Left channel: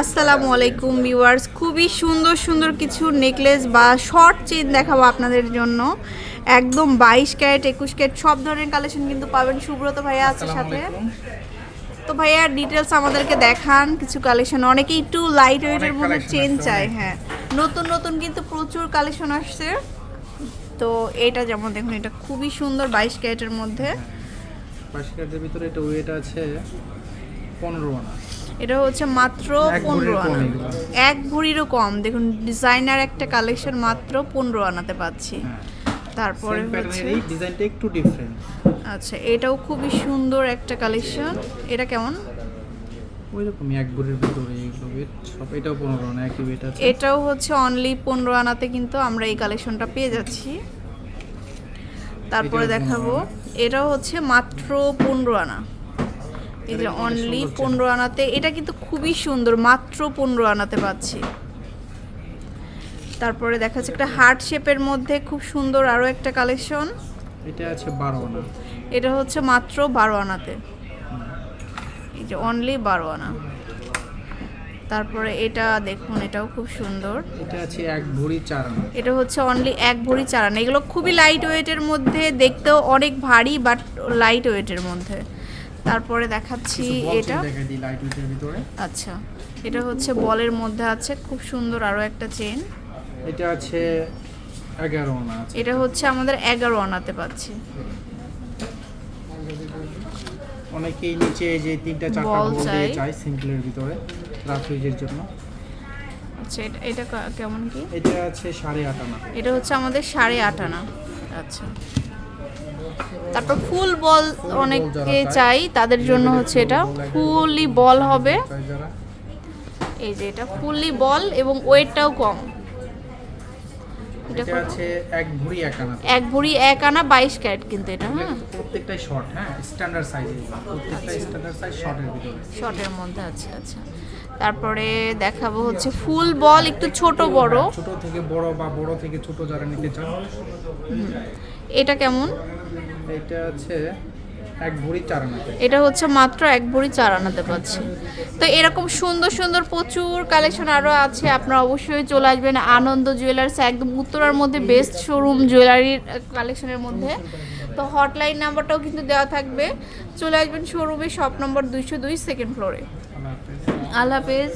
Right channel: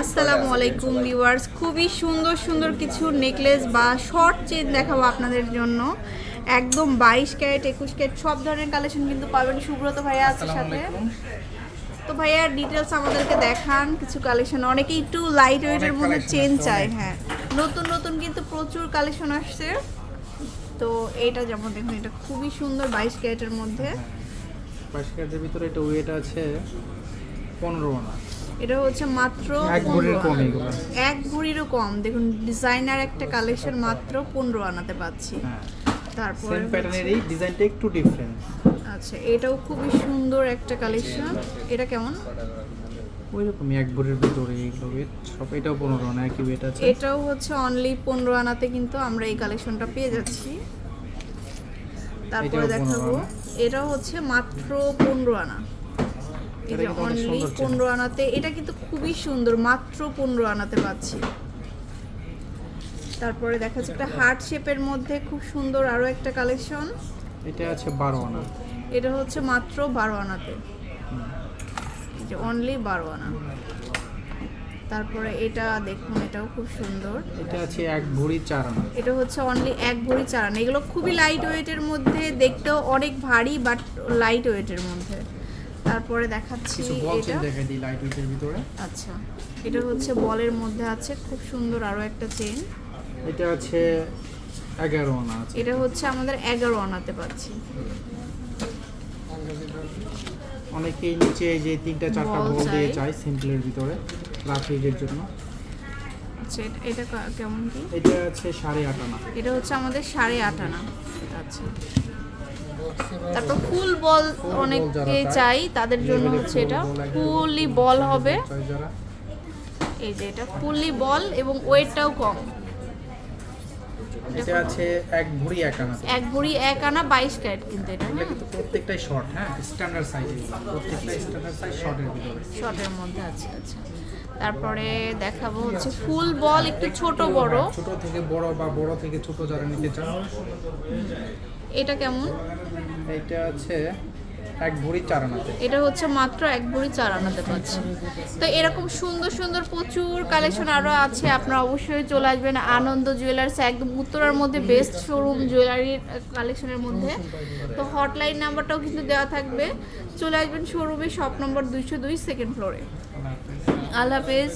আসসালামু আলাইকুম ভিউয়ার্স। খুবই সুন্দর সুন্দর কিছু নেকলেস বা শর্ট চেন দেখাবো আপনাদের জন্য। একদম বাইশ ক্যারেট একুশ ক্যারেট সব ধরনের কালেকশন কিন্তু পাবেন। সুব্রত ভাইয়া আছে সাথে। তো ভাইয়া ডিটেলস আমাদেরকে দেখান কিছু কালেকশন। অনেকে একটু লাইট ওয়েটের মধ্যে চেন চায় হ্যাঁ। নতুন নতুন কিন্তু প্রচুর কালেকশন আসছে। তো এটা যেমন দেখুন এটা খুবই সুন্দর বাইশ ক্যারেটের মধ্যে। বাইশ ক্যারেটের ভিতরে এটা ওয়েট আছে পনেরো আনা। এটা হচ্ছে মাত্র পনেরো এক ভরিরও কম। দেখুন ডিজাইনার একটা কালেকশন মাত্র পনেরো আনাতে পাচ্ছি। হ্যাঁ। তারপরে এই ডিজাইনটা একটু ডিফারেন্ট আচ্ছা এটাও খুবই সুন্দর একটা কালেকশন এটা কেমন? ওই রকমই এক ভরির ভিতরে এইগুলো। সব এটাও পনেরো আনা একই ওয়েট আছে। এটাও হচ্ছে অনলি পনেরো আনাতে কিন্তু আমরা এই কালেকশনটা পেয়ে যাচ্ছি। তারপরে দেখাবো। এটাও হচ্ছে মাত্র পনেরো আনা। এই এটা যে অনলি। পনেরো আনাতে এটা কিন্তু খুবই সুন্দর মাত্র পনেরো আনাতে পাচ্ছি। তারপরে দেখা যাচ্ছে একটা হার্ট শেপের মধ্যে খুব সুন্দর আরও একটা কালেকশন এটা আছে বারো আনা। এটা হচ্ছে মাত্র বারো আনাতে। এই যে অনলি বারো আনা। তারপরে এটা দেখুন এটাও খুব সুন্দর। এটা আছে এক ভরি চার আনা। এটা হচ্ছে অনলি এক ভরি চারানা এগুলো খুবই লাইট ওয়েটের মধ্যে দেখতেও অনেক ভারী বাট লাইট ওয়েটের মধ্যে। তারপরে দেখাচ্ছি এটা। দেখাই দিই লাইট ওয়েটের ভিতরে। আচ্ছা এটা হচ্ছে বলের মধ্যে আছে খুব সুন্দর আরও একটা চেন এটা আছে এগারো আনা আছে। এটা হচ্ছে আমাদের এগারো আনাতে পাচ্ছি। অনেকেই নিচে এই যে তিনটা চারটা বল দিয়ে চাই। সিম্পলের ভিতরে রাফ ইউজের জন্য। আচ্ছা এটা- কেমন কি? এটা আছে সাড়ে আট আনা। এটা হচ্ছে আমাদের সাড়ে আট আনা। আচ্ছা। তারপর ফুল বল অনেকে চাই তাদের জন্য হচ্ছে এটা। ফুললি বল হবে। এই যে এটা ফুললি বল এবং ওয়েটটাও কম। এটা আছে এক ভরি এক আনা। এক ভরি এক আনা বাইশ ক্যারেট কিন্তু এটা হ্যাঁ? প্রত্যেকটাই শর্ট হ্যাঁ? স্ট্যান্ডার্ড সাইজ প্রত্যেকটাই স্ট্যান্ডার্ড সাইজ শর্টের ভিতরে। শর্টের মধ্যে আছে আচ্ছা। তারপরে দেখাবো হচ্ছে ফুল বল একটু ছোট বড়। ছোট থেকে বড় বা বড় থেকে ছোট যারা নিতে চান। এটা কেমন? এটা আছে এক ভরি চার আনাতে এটা হচ্ছে মাত্র এক ভরি চার আনাতে পাচ্ছি। তো এরকম সুন্দর সুন্দর প্রচুর কালেকশন আরও আছে। আপনারা অবশ্যই চলে আসবেন আনন্দ জুয়েলার্স একদম উত্তরার মধ্যে বেস্ট শোরুম জুয়েলারির কালেকশনের মধ্যে। তো হটলাইন নাম্বারটাও কিন্তু দেওয়া থাকবে। চলে আসবেন শোরুমে শপ নম্বর দুইশো দুই সেকেন্ড ফ্লোরে আল্লাহ হাফেজ।